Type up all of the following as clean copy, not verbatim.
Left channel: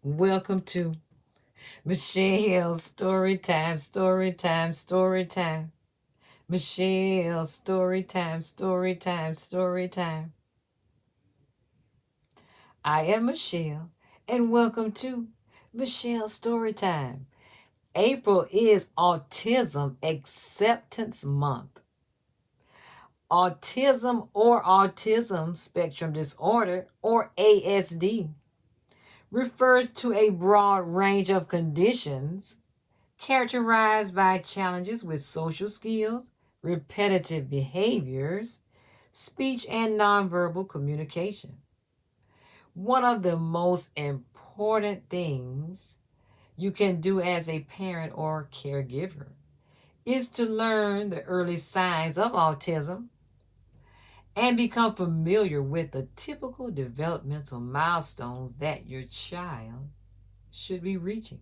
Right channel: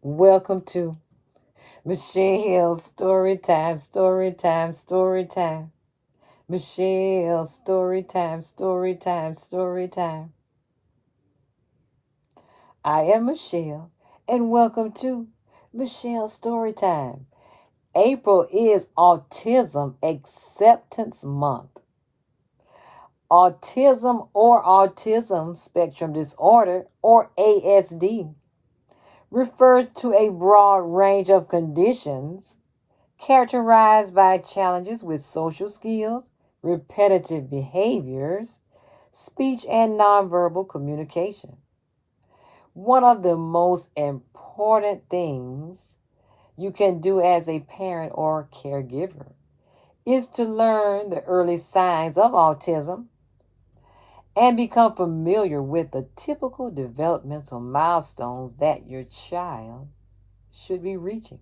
Welcome to Michelle's Story Time, Story Time, Story Time. Michelle's Story Time, Story Time, Story Time. I am Michelle, and welcome to Michelle's Story Time. April is Autism Acceptance Month. Autism or Autism Spectrum Disorder, or ASD, refers to a broad range of conditions characterized by challenges with social skills, repetitive behaviors, speech, and nonverbal communication. One of the most important things you can do as a parent or caregiver is to learn the early signs of autism and become familiar with the typical developmental milestones that your child should be reaching.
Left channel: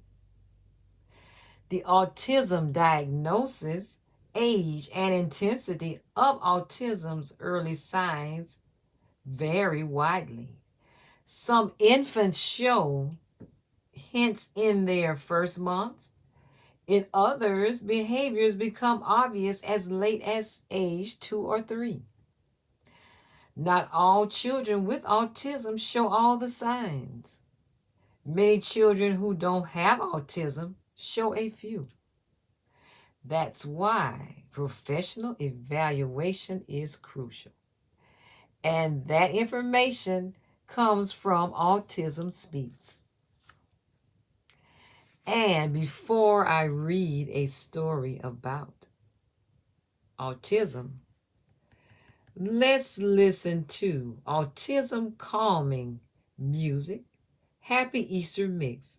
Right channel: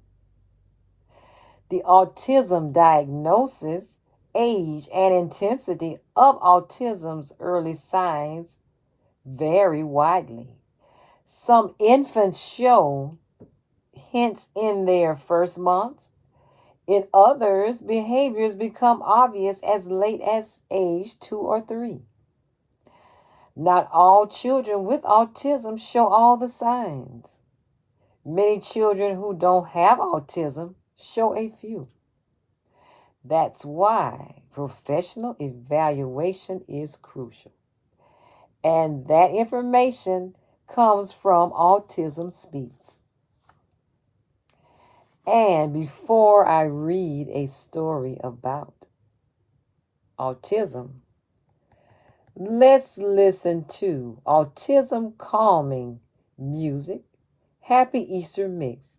The autism diagnosis, age, and intensity of autism's early signs vary widely. Some infants show hints in their first months. In others, behaviors become obvious as late as age 2 or 3. Not all children with autism show all the signs. Many children who don't have autism show a few. That's why professional evaluation is crucial. And that information comes from Autism Speaks. And before I read a story about autism, let's listen to Autism Calming Music, Happy Easter Mix.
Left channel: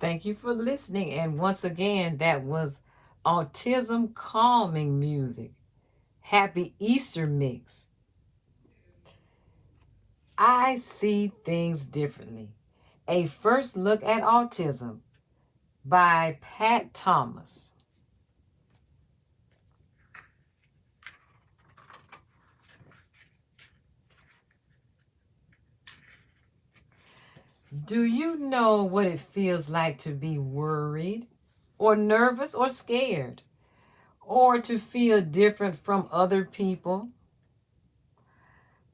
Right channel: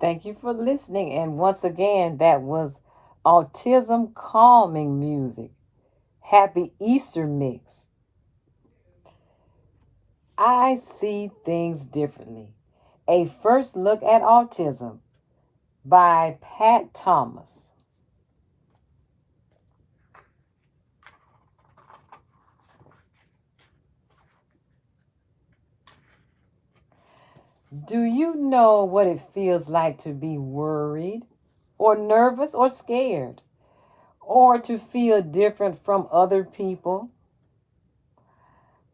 Thank you for listening. And once again, that was Autism Calming Music, Happy Easter Mix. I see things differently. A first look at autism by Pat Thomas. Do you know what it feels like to be worried or nervous or scared or to feel different from other people?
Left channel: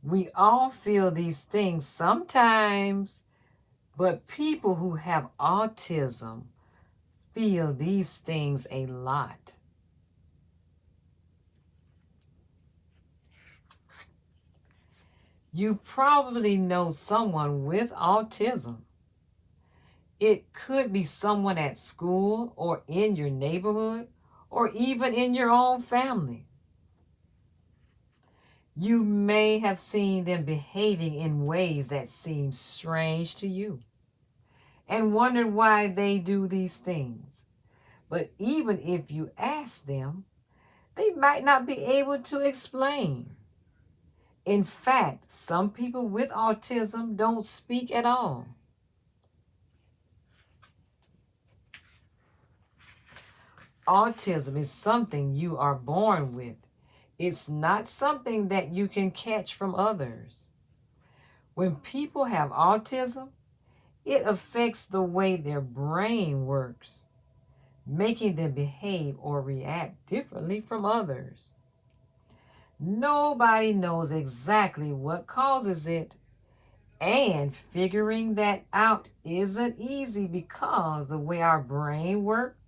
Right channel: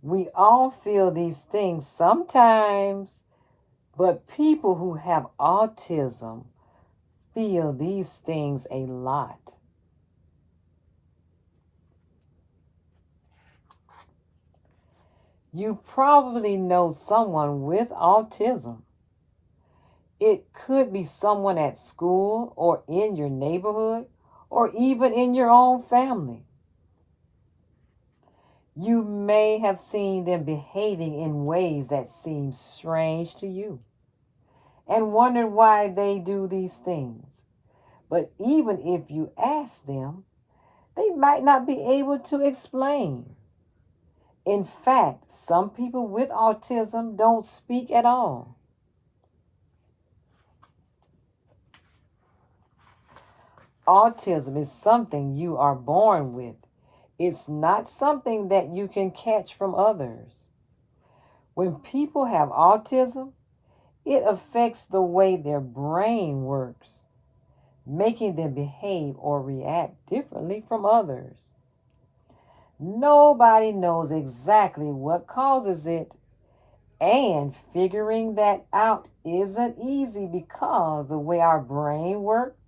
We all feel these things sometimes, but people who have autism feel these things a lot. You probably know someone with autism. It could be someone at school or in your neighborhood or even in your own family. You may have seen them behaving in ways that seem strange to you and wondered why they do these things. But even if you ask them, they might not be able to explain. In fact, some people with autism don't speak at all. Autism is something you are born with. It's not something that you can catch from others. When people have autism, it affects the way their brain works, making them behave or react differently from others. Nobody knows exactly what causes it, and figuring that out isn't easy because the way our brain works,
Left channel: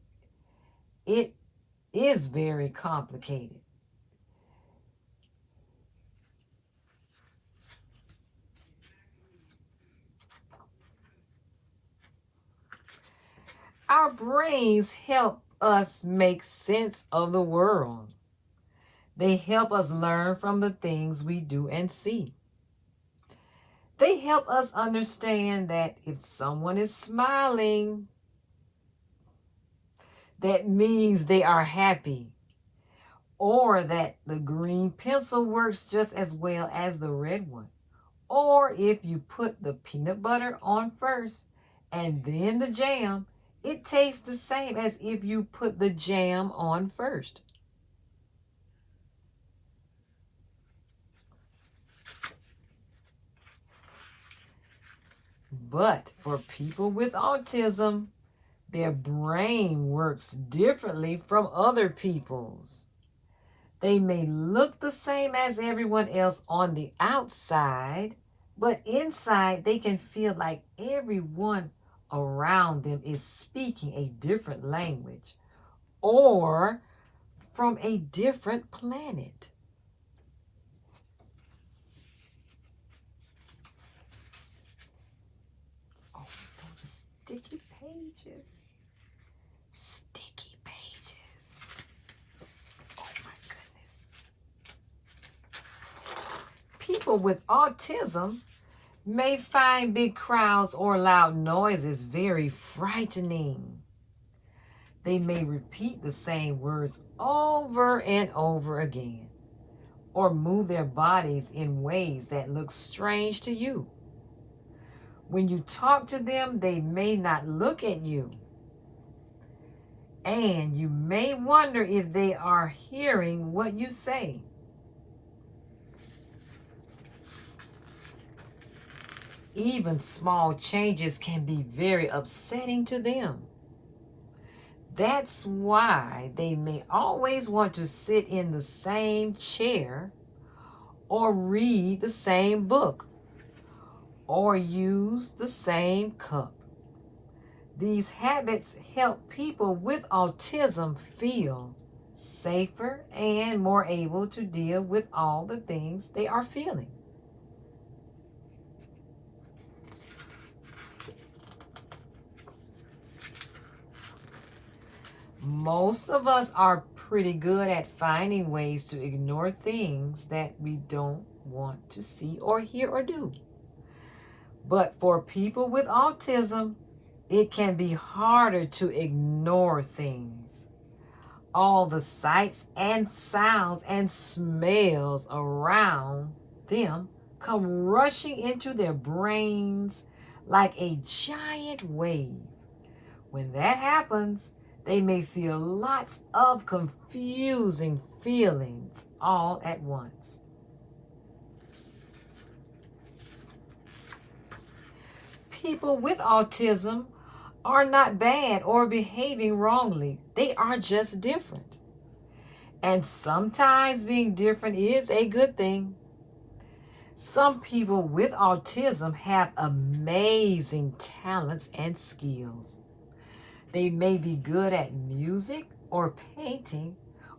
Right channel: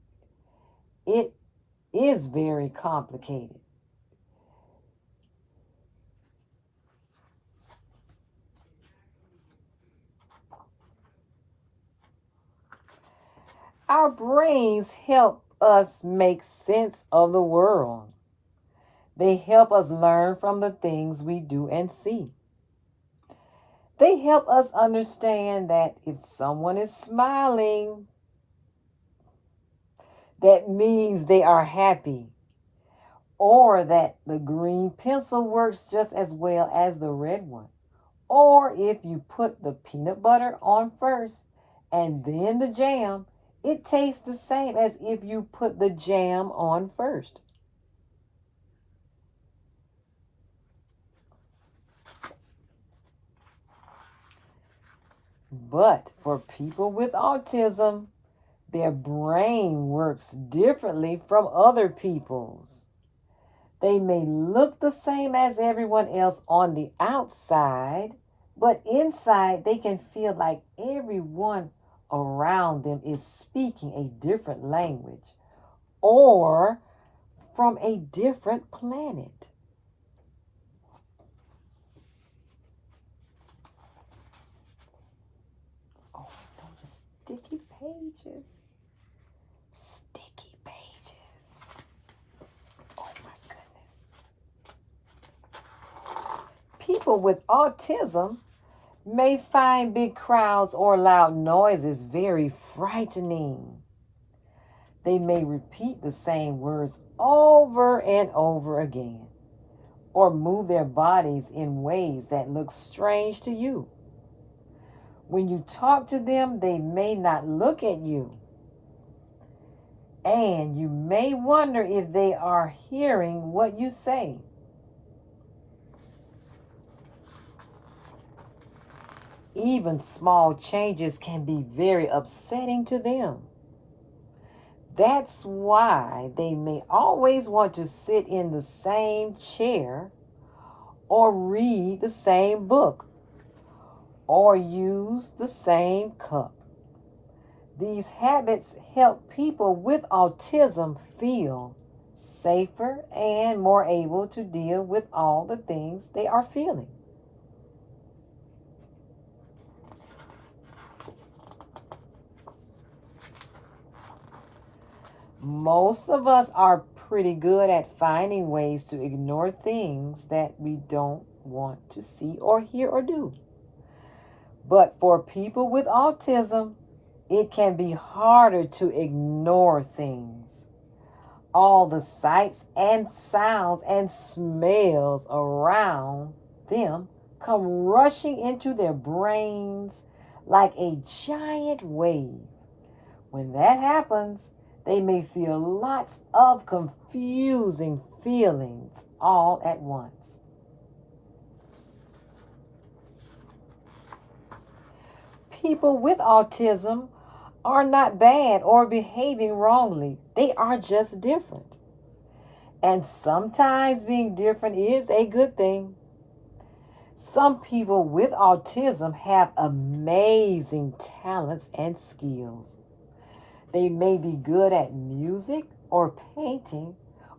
it is very complicated. Our brains help us make sense of the world. They help us learn from the things we do and see. They help us understand that if someone is smiling, that means they are happy, or that the green pencil works just as well as the red one. Or if you put the peanut butter on first and then the jam, it tastes the same as if you put the jam on first. But for people with autism, their brain works differently from other people's. They may look the same as everyone else on the outside, but inside they can feel like everyone around them is speaking a different language or from a different planet. Oh, those sticky pages. Sticky pages. Oh my goodness. People with autism may find big crowds or loud noises very frightening. They may repeat the same words over and over again, or move their bodies in ways that look strange to you. When you talk to them, they may not look at you, and you may wonder if they are hearing what you say. Even small changes can be very upsetting to them. That's why they may always want to sit in the same chair or read the same book or use the same cup. These habits help people with autism feel safer and more able to deal with all the things they are feeling. Most of us are pretty good at finding ways to ignore things that we don't want to see or hear or do. But for people with autism, it can be harder to ignore things. All the sights and sounds and smells around them come rushing into their brains like a giant wave. When that happens, they may feel lots of confusing feelings all at once. People with autism are not bad or behaving wrongly. They are just different. And sometimes being different is a good thing. Some people with autism have amazing talents and skills. They may be good at music or painting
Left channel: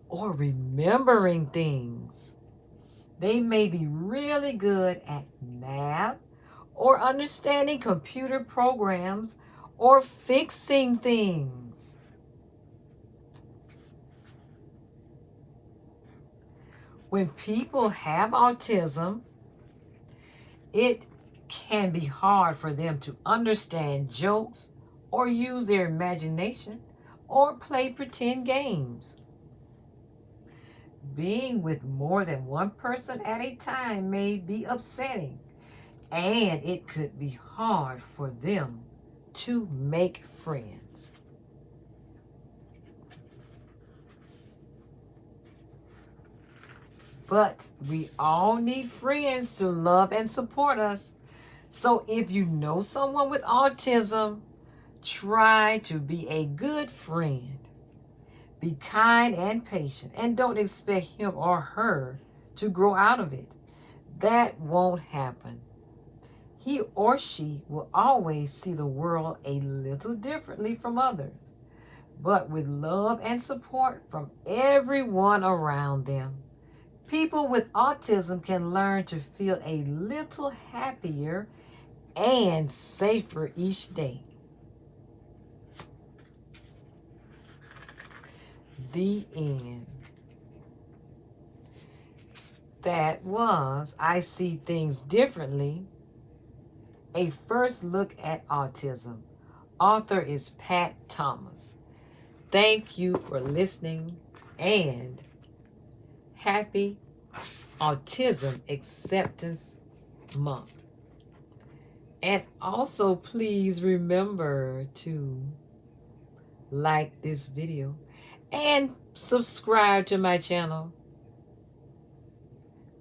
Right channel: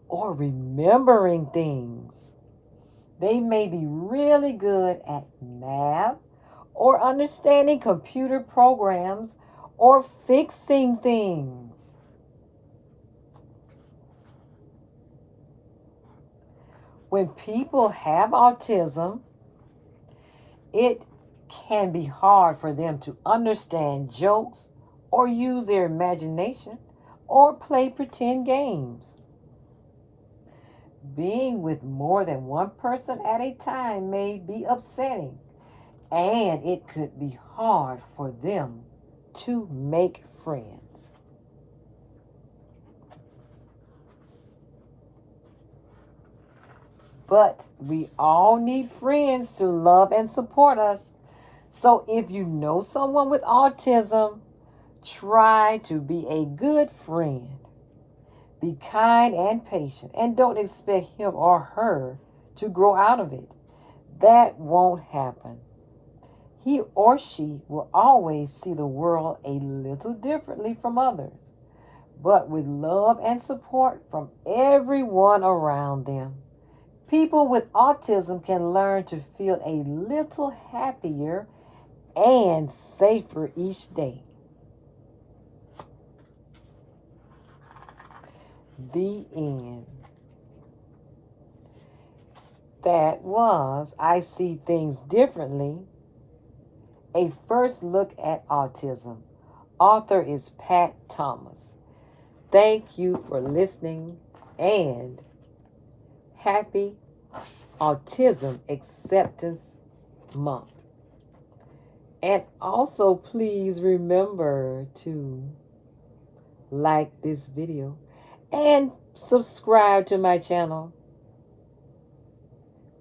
or remembering things. They may be really good at math or understanding computer programs or fixing things. When people have autism, it can be hard for them to understand jokes or use their imagination or play pretend games. Being with more than one person at a time may be upsetting, and it could be hard for them to make friends. But we all need friends to love and support us. So if you know someone with autism, try to be a good friend. Be kind and patient, and don't expect him or her to grow out of it. That won't happen. He or she will always see the world a little differently from others, but with love and support from everyone around them. People with autism can learn to feel a little happier and safer each day. The end. That was I See Things Differently, a first look at autism. Author is Pat Thomas. Thank you for listening and happy Autism Acceptance Month. And also, please remember to like this video and subscribe to my channel.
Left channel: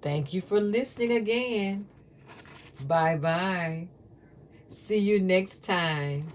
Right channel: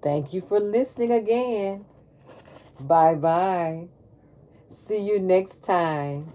Thank you for listening again. Bye-bye. See you next time.